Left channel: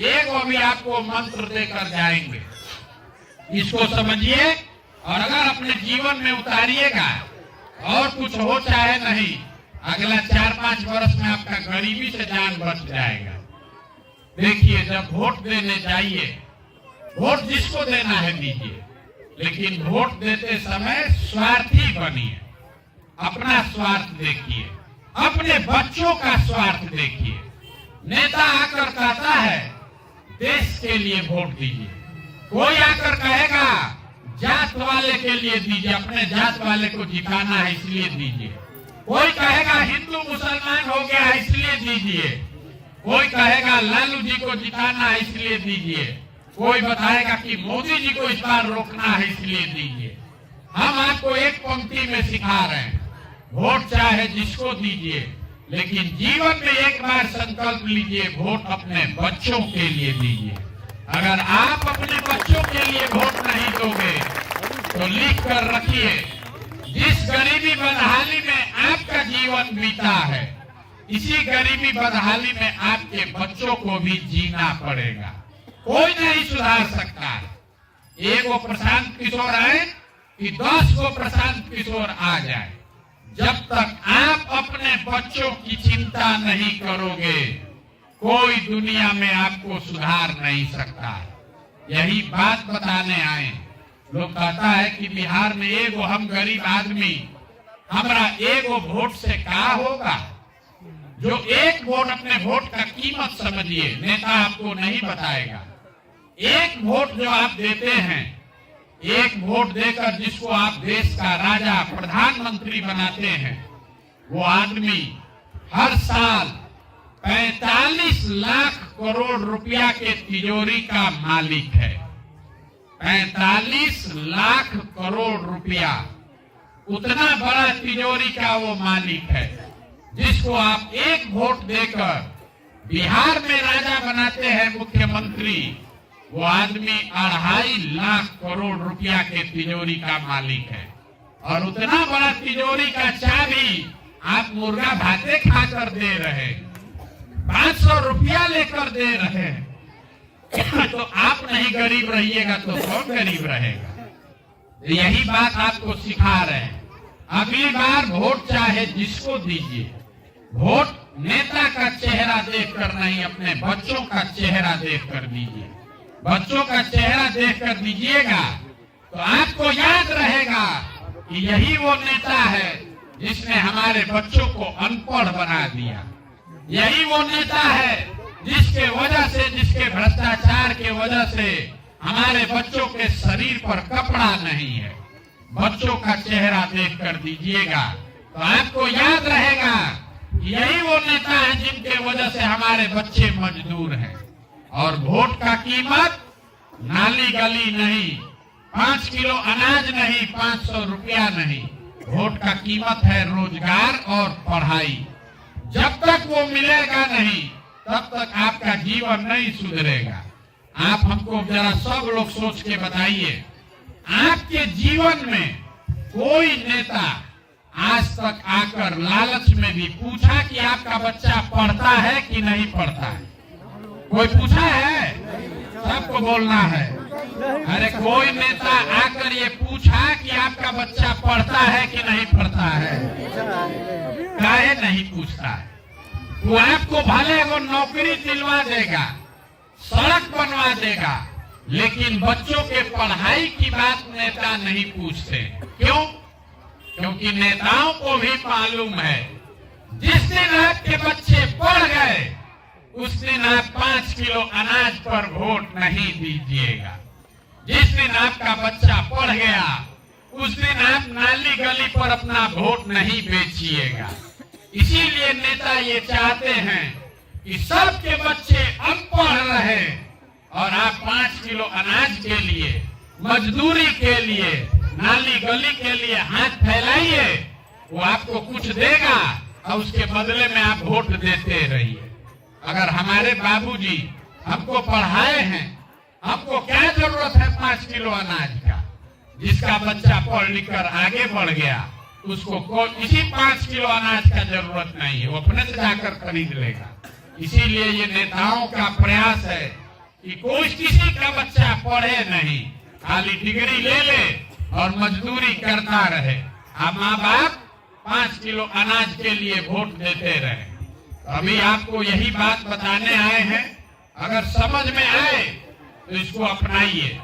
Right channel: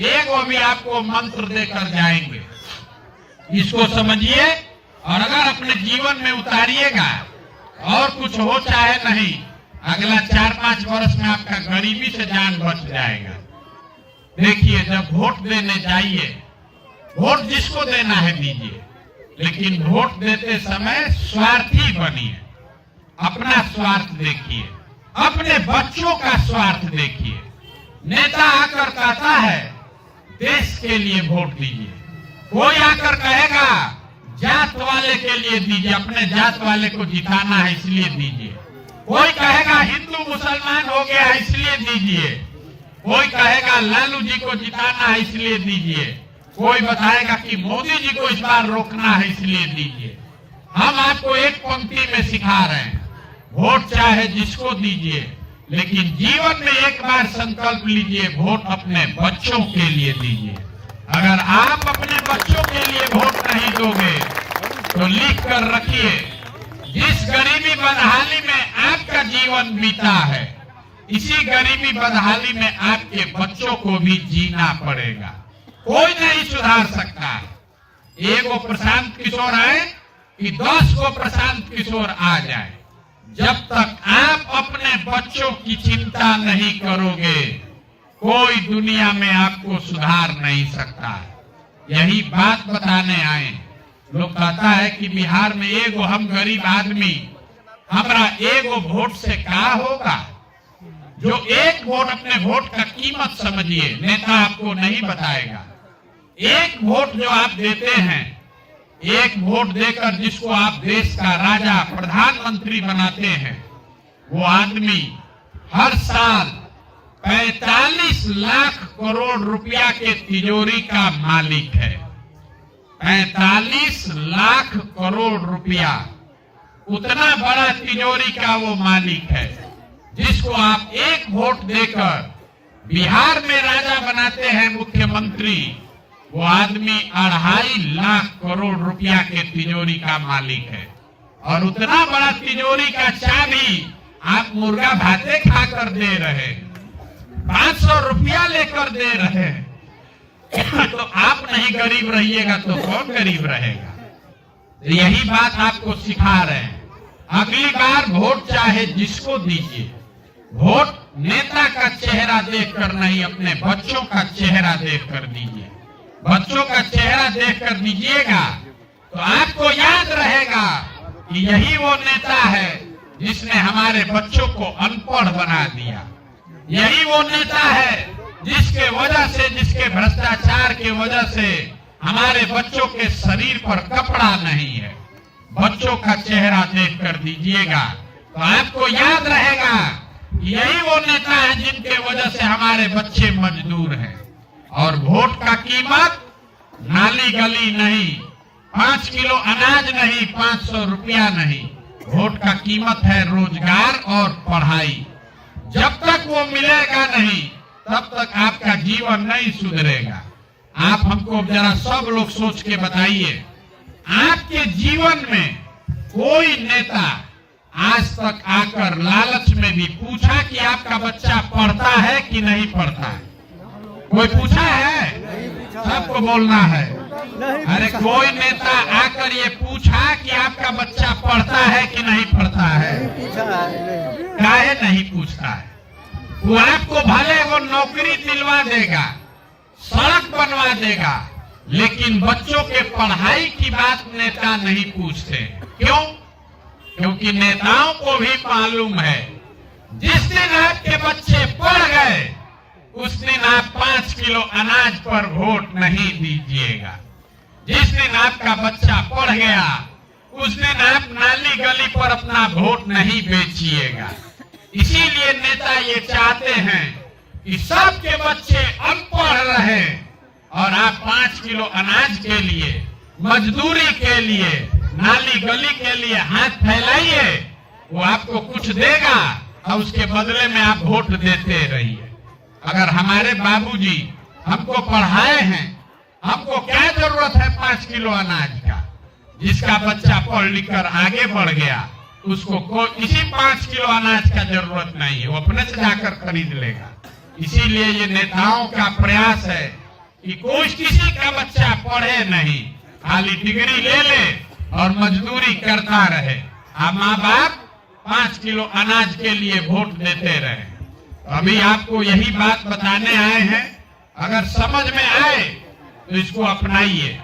एक वो भी आपको मंत्र देकर जाएंगे। इसको समझिए और अगर अपने जीवन में उतारिएगा और कुछ हो चाहे नहीं, अगला 4-5 वर्ष में आपका गरीबी से जान बच जाएगा। देखिए, जब वोट देने जाइए, वोट जिसको देना है दीजिए, लेकिन वोट देते समय स्वार्थी बनिए। अपना स्वार्थ देखिए, अपने बच्चों का स्वार्थ देखिए। नेता आकर कहता है देश के लिए वोट दीजिए, कोई आकर कहेगा जात वाले के लिए दीजिए, अपने जात वाले को जिताना है इसलिए दीजिए। कोई कहेगा हिंदू मुसलमान हो गया है इसलिए दीजिए। कोई कहेगा लालू जी को जिताना है इसलिए दीजिए। कोई बताएगा कि मोदी जी को इस बार रोकना है इसलिए दीजिए। हम आपको एक पंक्ति में सिखा रहे हैं, वोट चाहे जिसको दीजिए, लेकिन जीवन में एक बार संकल्प लीजिए, वोट अपने बच्चों के लिए दीजिए। अगर आप अपने बच्चों के लिए वोट नहीं दोगे तो लिख कर रखिए, जिस गरीबी बदहाली में आपका जीवन बीता है, इसी गरीबी बदहाली में आपके बच्चों को भी जीना पड़ेगा। कोई नहीं सुधार सकता। एक वो प्रशांत किशोर है कि 10 को प्रशांत किशोर आ जाए। जब तक आप अपने बच्चों की चिंता नहीं करोगे, कोई दुनिया में आपको सुधार नहीं सकता। यही बात बताने आए। लोग कहता है कि बिहार में एगो हम गरीब आदमी, हमारा एगो वोट से क्या होगा। जो एक वोट, अपने वोट का कीमत समझिए, नेता आपको नहीं बताएगा। एक वोट जो आप देते हैं, एक वोट देकर जिसको आप देश का राजा प्रधानमंत्री बनाते हैं, वो आदमी हर साल 45 लाख करोड़ रुपया के तिजोरी का मालिक है। 45 लाख करोड़ रुपया, उतना बड़ा तिजोरी का वो मालिक है, जिसको आप एक वोट देकर बिहार में राजा बनाते हैं मुख्यमंत्री। वो आदमी 2.5 लाख करोड़ रुपया के तिजोरी का मालिक है। और उतना बड़ा तिजोरी का चाबी आप मुर्गा भाते खाकर दे रहे, 500 रुपया लेकर दे रहे तो आप नहीं गरीब रहिएगा तो कौन गरीब रहेगा। यही बात आपको सिखा रहे हैं। अगली बार वोट चाहे जिसको दीजिए, वोट नेता का चेहरा देखकर नहीं, अपने बच्चों का चेहरा देखकर दीजिए। बच्चों का चेहरा देखकर दीजिएगा तो आपको याद रहेगा कि यही वो नेता है जिसने हमारे बच्चों को अनपढ़ बना दिया। यही वो नेता है जिसके वजह से, जिसके भ्रष्टाचार के वजह से हमारे बच्चों के शरीर पर कपड़ा नहीं है। बच्चों का चेहरा देखकर दीजिएगा तो आपको याद रहेगा यही वो नेता है जिनके वजह से हमारे बच्चे मजदूर हैं। और वोट का कीमत नाली गली नहीं, 5 किलो अनाज नहीं, 500 रुपया नहीं। वोट का कीमत है रोजगार और पढ़ाई। जब तक वो मिलेगा नहीं, तब तक आपका जीवन नहीं सुधरेगा। आप हमको जरा सब लोग सोच के बताइए, आपके जीवन में कोई नेता आज तक आकर लालच में भी पूछा कि आपका बच्चा पढ़ता है कि नहीं पढ़ता है? कोई पूछा है? सबको बोलना है। अरे कोई नेता आकर ये पूछा कि आपका बच्चा पढ़ता है कि नहीं पढ़ता है? काहे नहीं पूछता है? वो आपको भले वो नौकरी दिलवा देगा, सड़क बनवा देगा, लेकिन बच्चों के पढ़ाई की बात नेता नहीं पूछते। क्यों? क्योंकि नेताओं को भी मालूम है जिस दिन आपके बच्चे पढ़ गए उस दिन आप 5 किलो अनाज पर वोट नहीं दीजिएगा। जिस दिन आपका बच्चा पढ़ गया उस दिन आप नाली गली पर अपना वोट नहीं बेचिएगा। इसीलिए नेता ये चाहते हैं कि सबके बच्चे अनपढ़ रहे और आप 5 किलो अनाज के लिए, मजदूरी के लिए, नाली गली के लिए हाथ फैलाइए, वो आपको कुछ देगा और उसके बदले में आप वोट देते रहिए। अगर हमारे बाबूजी हमको पढ़ाए हैं, हमको क्या जरूरत है 5 किलो अनाज का? जिसका बच्चा पढ़ लिख कर आगे बढ़ गया उसको इसी 5 किलो अनाज का जरूरत नहीं है, वो अपने से जाकर खरीद लेगा। इसीलिए ये नेताओं का प्रयास है कि कोई किसी का बच्चा पढ़े नहीं, खाली डिग्री ले ले और मजदूरी करता रहे, अब माँ बाप 5 किलो अनाज के लिए वोट देते रहे। अभी आपको यही बात बताने आए हैं, अगर समझ में आए तो इसको अपनाइए।